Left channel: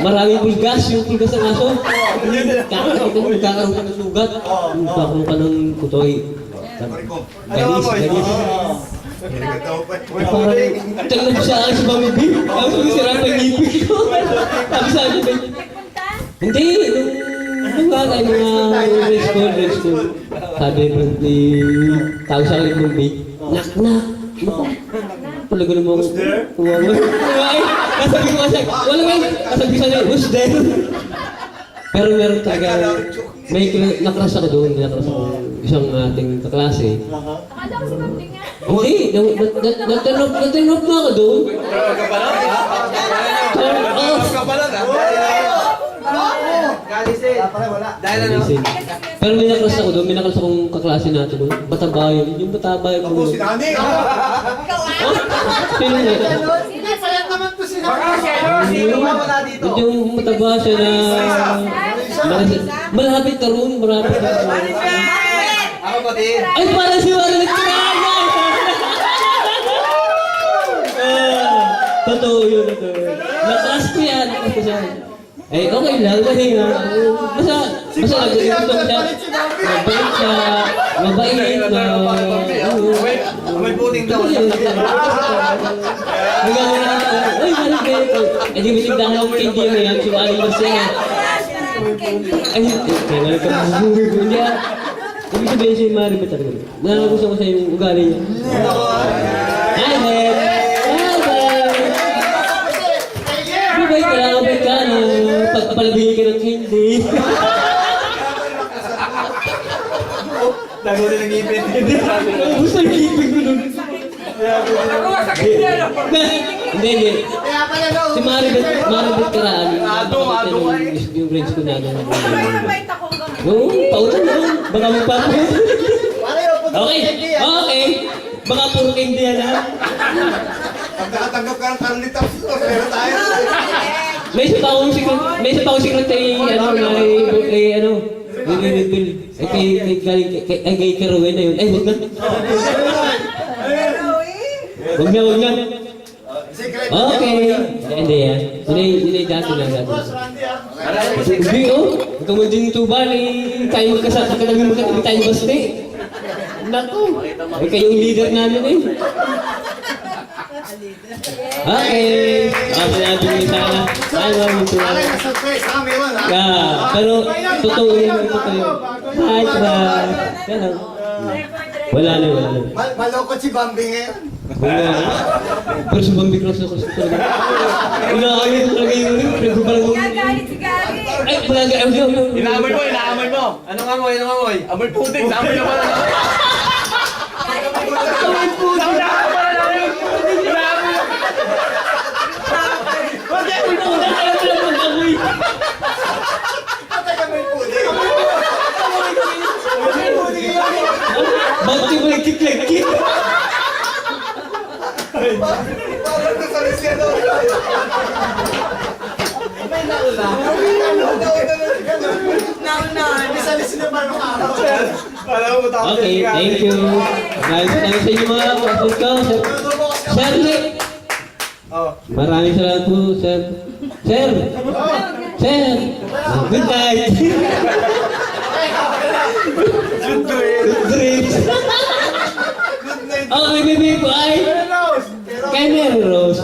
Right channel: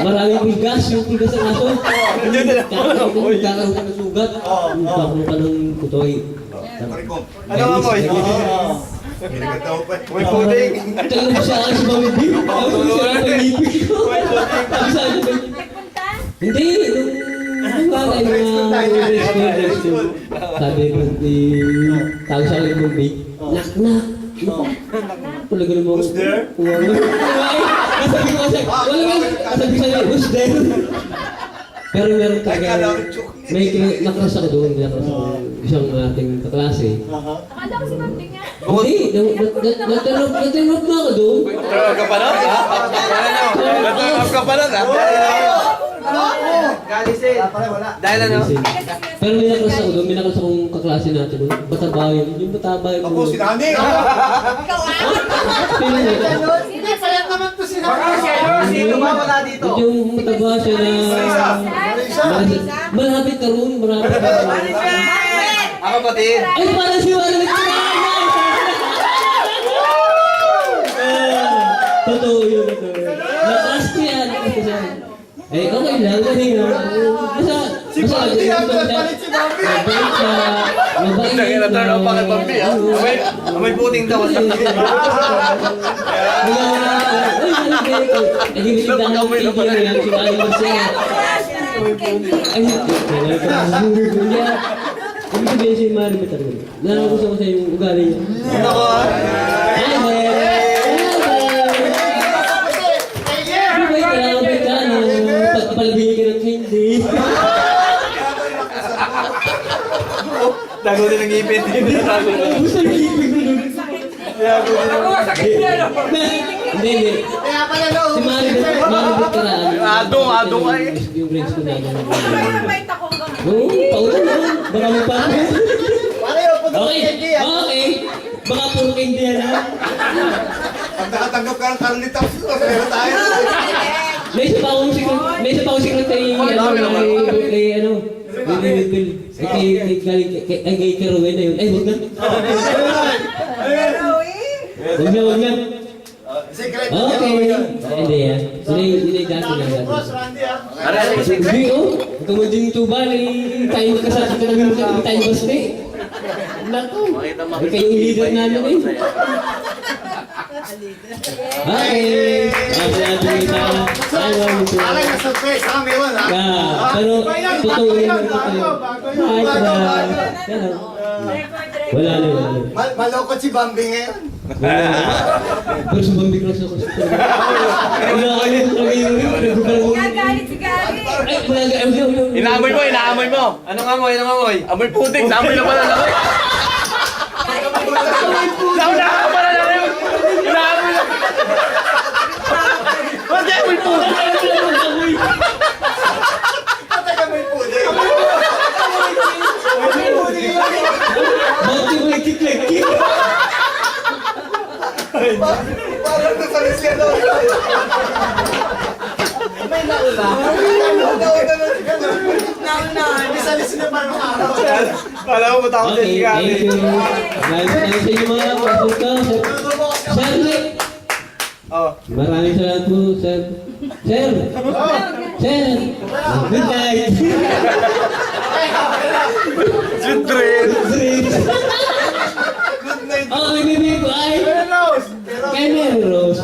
Maraming pulgas, yung pulgas ng aso. Magkakaroon ka ng sugat. Magkakaroon ka ng kutoy. Ano amoy? Tanong siya ako sa bamidi. Tapos sira ng ngipin ko. Sabi sa akin, hindi, nung mga grade school. Sabi ni tawag sa akin ng big, knock. Talaga naman ako. Kasabi ko kasi, kasabi ko sa who's there? Pero meron talaga, may naklas ako doon, isang ating kaklase. Akala ko si Bambi nga. Hindi, natinop na ako doon. Turn ka pa lang, ha? Turn ka pa lang, ha? Galisin. Dahil ano? Pero may naklas ako doon, may naklas akong kaklase natin doon. Batabayan, yung batabayan Ako, si Nani! Sino yun? Hindi, payat naman to si Nani! Sino ba wala dito? Yung mataba siya na... Malapit na ron, marami na ron. Ako pati. Ay, parang si Wala nagkakaya! Totoo yun, totoo yun. Nakas ko yan, nakas ko yan. Eh, okay lang, kasi basta nagkakita siya. Mabait siya, mabait na... May puting daw. Uy, hindi mo tindahan ng KD na yan, sumali mo siya. Ay, kailangan ka mabubuhay niya. Ibig sabihin siya yung Mari talaga. Gusto ko sa yung ugali niya. Ako, ha? Ay, man! Mabait ka, pagpapalabingin ka ng candy. Dago din ang ipin. Gusto yung ipin ko nun. Hindi. Kaya pala no! Si Maribel Karaan. Adong ka eh. Yung grades ko namin. Mabait ako hanggang Oo, pautan na lang. Baka mo pa ako. Pareho po ito Okay. Baka puro candy yan ha. Pag nakatanggap ka ng Carly Taps, pero tayo. May isa pa akong secretary, kay Kerowen na yun. Ay, huwag na. Huwag na. Secret. Okay. Hindi yan. Hindi dati lang. Boss, Randy ah. Hindi ikaw mo din ito ba? Tayo magkasama ka namin hindi tayo basti. Naku. Ay, kayong leader namin eh. Okay. Sinabi mo isa. Akin na surprise, ha? May one, ha? Pero totoo yun. Hi, Brad. Wala na. Malokot si Bambi ngayon. Pero sa Bambi Cross ako sa talaga. Wala kayo talaga yun. Gagalit si Gary. Ay, wala kayo. Inaamoy mo. Anong amoy? Amoy putik. Naamoy na pala na. Nauna ka pala na yun. Inaamoy na. Bakit amoy putik? Patay may puti. Bakit mo nagkiklik-kik? Parang nasalis ka doon. May nauna. Nauna. Nasalis na parang araw. Kala mo matakot Okay, si Gary. thank you. Maraming salamat sa inyo mga kapatid ko. Sir Rick. Maraming salamat po, sir. Sir. Good night. Good dream. Oh, may bibig ko ay. Kay Mary Rose.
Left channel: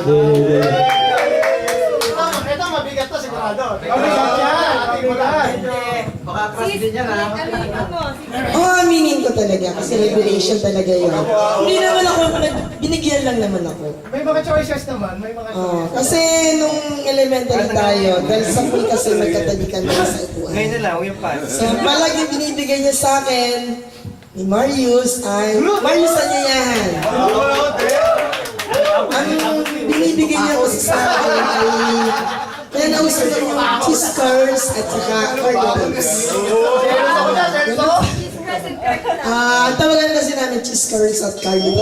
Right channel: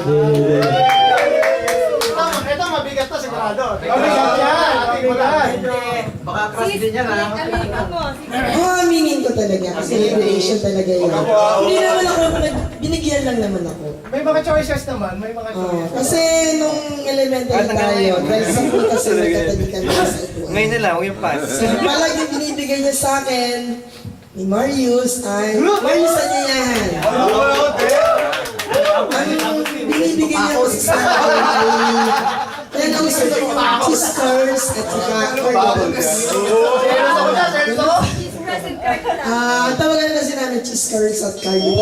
Ito mabigat to sigurado. Mabigat yan. Ating magahan. Baka crush din yan, ha? Aminin ko talaga kasi regulation talaga yun. Hindi naman ako, binigyan lang naman ako. May mga choices naman. May mga choices. Kasi nung elementary tayo, dahil sa kasi nagkatabi kami sa ituan. Ngayon na lang, yung pass. So, palag yung binibigay niya sa akin, ni Marius ay, Marius Anyayahan. Ang binibigay niya kasi sa akin ay, kaya nausap ko yung cheese curls at saka cordials. Tawagan kasi namin cheese curls at cordials.